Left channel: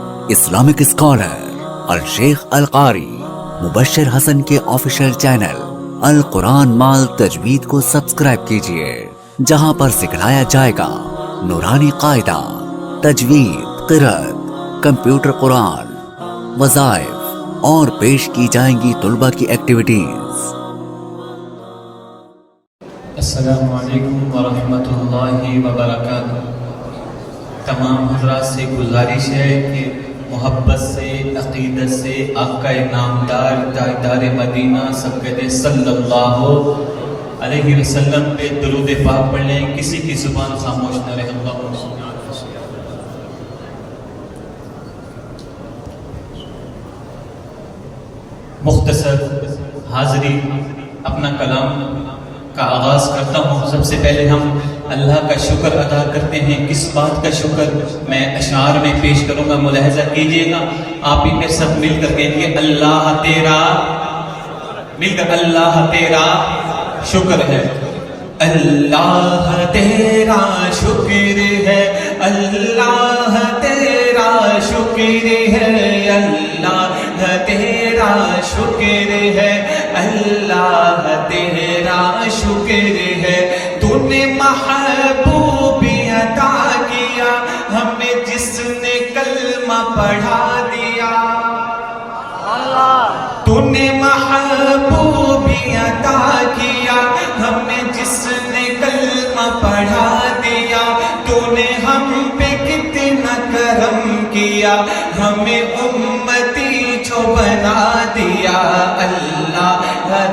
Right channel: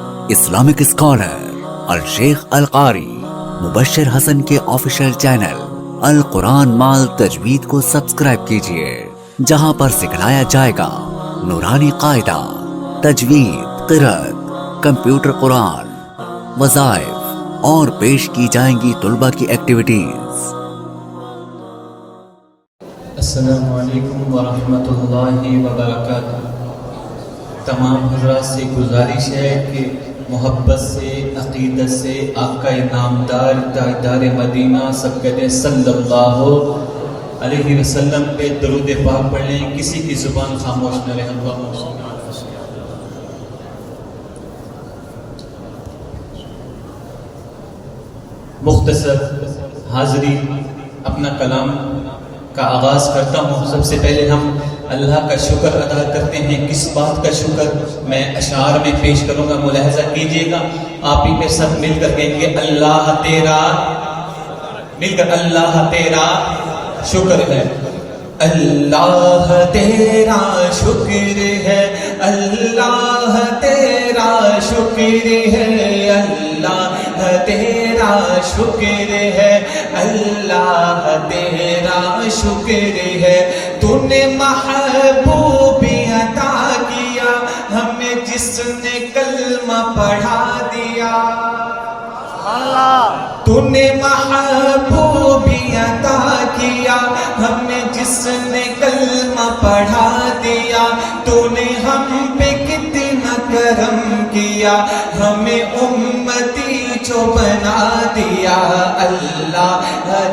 Islamic scholar الشیخ القاری مبشر حسن کے official channel القرآن مال تجوید کو سبسکرائب کیجئے، جہاں پر سکھلایا جائے گا نورانی قاعدہ، تجوید، قرأت، کمپیوٹر قرآن، وظائف اور پیش کی جائیں گی طلبہ کی ایکٹیویٹیز۔ السلام علیکم ورحمۃ اللہ وبرکاتہ۔ تمام حضرات سے گزارش ہے کہ محبت سے، عقیدت سے آپ کا نامدار تاجدار مدینہ سب کہتے ہیں صلی اللہ علیہ وسلم پہ درود پاک پڑھ لیں۔ کسی کی زبان خاموش نہ رہے۔ مختصر حاضری اپنا کلام کا آغاز کرتا ہوں۔ سب سے پہلے ہم اللہ کا شکر ادا کرتے ہیں۔ کس بات کا شکر میں اشعار میں پیش کروں گا، ملاحظہ کیجئے گا۔ آپ ہی پھر سب مل کر کہیں گے اللہ تیرا، مل کر اللہ تیرا شکر ہے، اللہ تیرا شکر ہے، اللہ تیرا شکر ہے، اللہ تیرا شکر ہے، اللہ تیرا شکر ہے۔ تو نے محبوبی عطا کیا ہمیں، جس نے کلمہ پڑھا دیا۔ تو نے محبوبی عطا کیا ہمیں، جس نے کلمہ پڑھا دیا۔ تو نے ہم پہ کتنا کرم کیا، ہمیں امتی جو بنا دیا۔ اللہ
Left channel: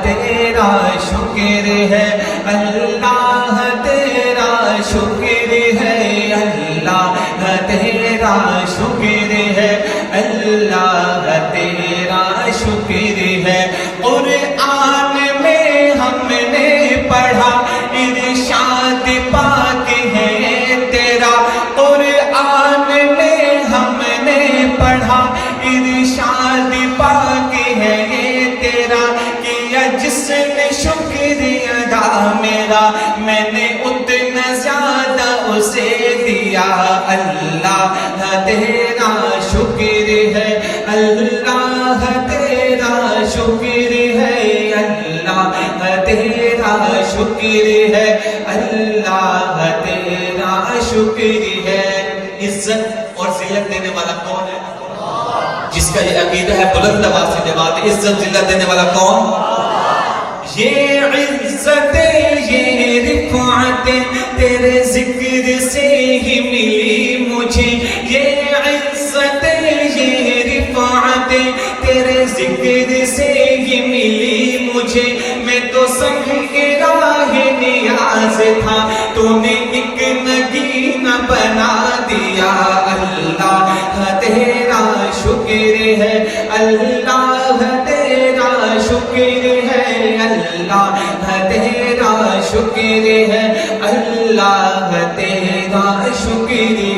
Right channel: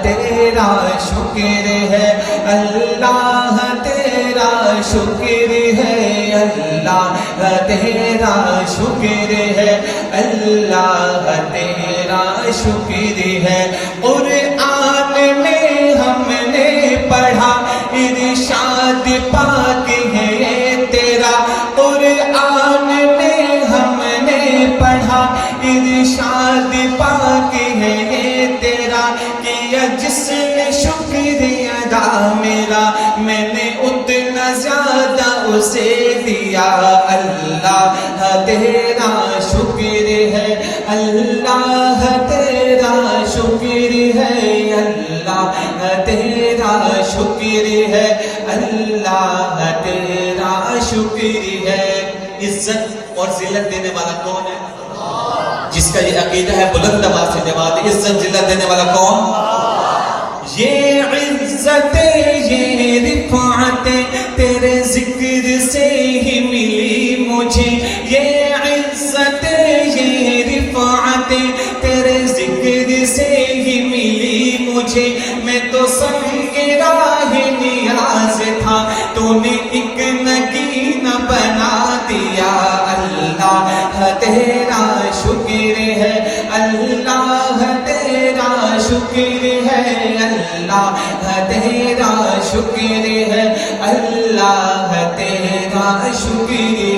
تیرا شکر ہے، اللہ تیرا شکر ہے، اللہ تیرا شکر ہے، اللہ تیرا شکر ہے۔ قرآن میں ہم نے پڑھا ارشاد پاک ہے تیرا، قرآن میں ہم نے پڑھا ارشاد پاک ہے تیرا۔ کیا جس نے شکر ادا میرا، میں نے اتنا زیادہ اسے دیا۔ اللہ تیرا شکر ہے، اللہ تیرا شکر ہے، اللہ تیرا شکر ہے، اللہ تیرا شکر ہے۔ عزت اور ذلت دینے والا کون ہے؟ جس کا یہ عقیدہ ہے بلند آواز سے جواب دے، عزت ذلت دینے والا کون؟ یہ عزت یہ رفعت تیرے ذکر سے ہی ملی مجھے، یہ عزت یہ رفعت تیرے ذکر سے ہی ملی مجھے۔ میں تو سنگ راہ نیاز تھا، تو نے ایک نگینہ بنا دیا۔ اللہ تیرا شکر ہے، اللہ تیرا شکر ہے، اللہ تیرا شکر ہے، اللہ تیرا شکر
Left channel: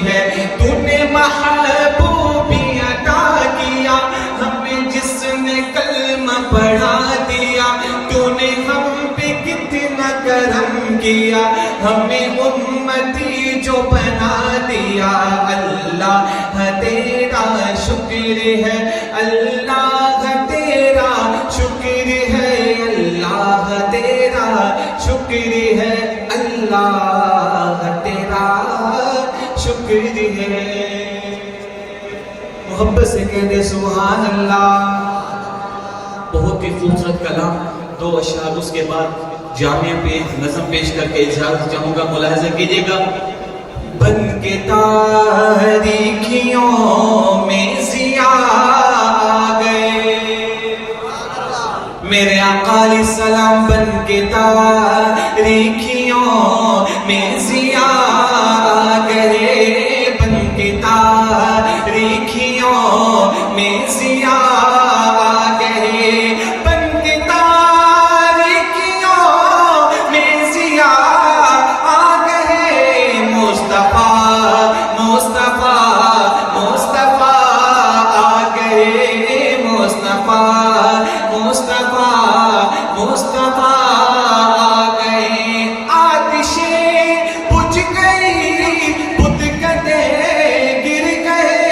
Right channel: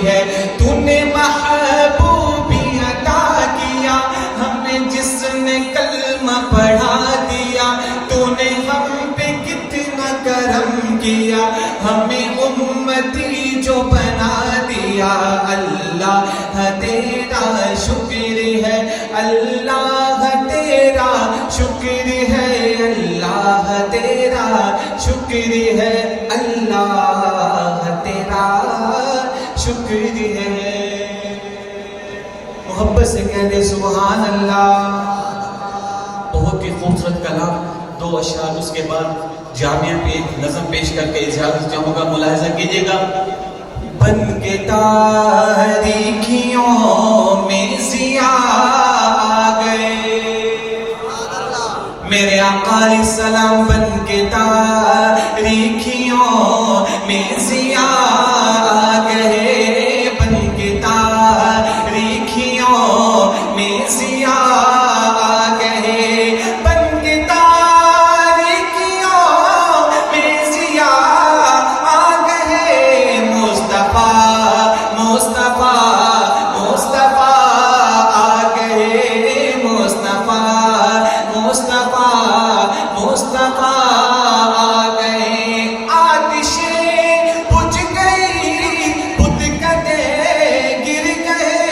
ہے۔ تو نے محبوبی عطا کیا ہمیں، جس نے کلمہ پڑھا دیا۔ تو نے ہم پہ کتنا کرم کیا، ہمیں امتی جو بنا دیا۔ اللہ تیرا شکر ہے، اللہ تیرا شکر ہے، اللہ تیرا شکر ہے، اللہ تیرا شکر ہے۔ محبت سے کہہ دے سبحان اللہ۔ بہت ہی خوبصورت کلام، دو اشعار اس کے بعد جامعہ پہ نظم پیش کر کے اجازت چاہوں گا، ملاحظہ کیجئے گا۔ بن کے تاریکیوں میں ضیاء آ گئے، میرے آقا علیہ السلام بن کے تاریکیوں میں ضیاء آ گئے، بن کے تاریکیوں میں ضیاء آ گئے، بن کے تاریکیوں میں ضیاء آ گئے۔ مصطفیٰ مصطفیٰ مصطفیٰ آ گئے، مصطفیٰ مصطفیٰ مصطفیٰ آ گئے۔ آتشیں بجھ گئی، بت کدے گر گئے،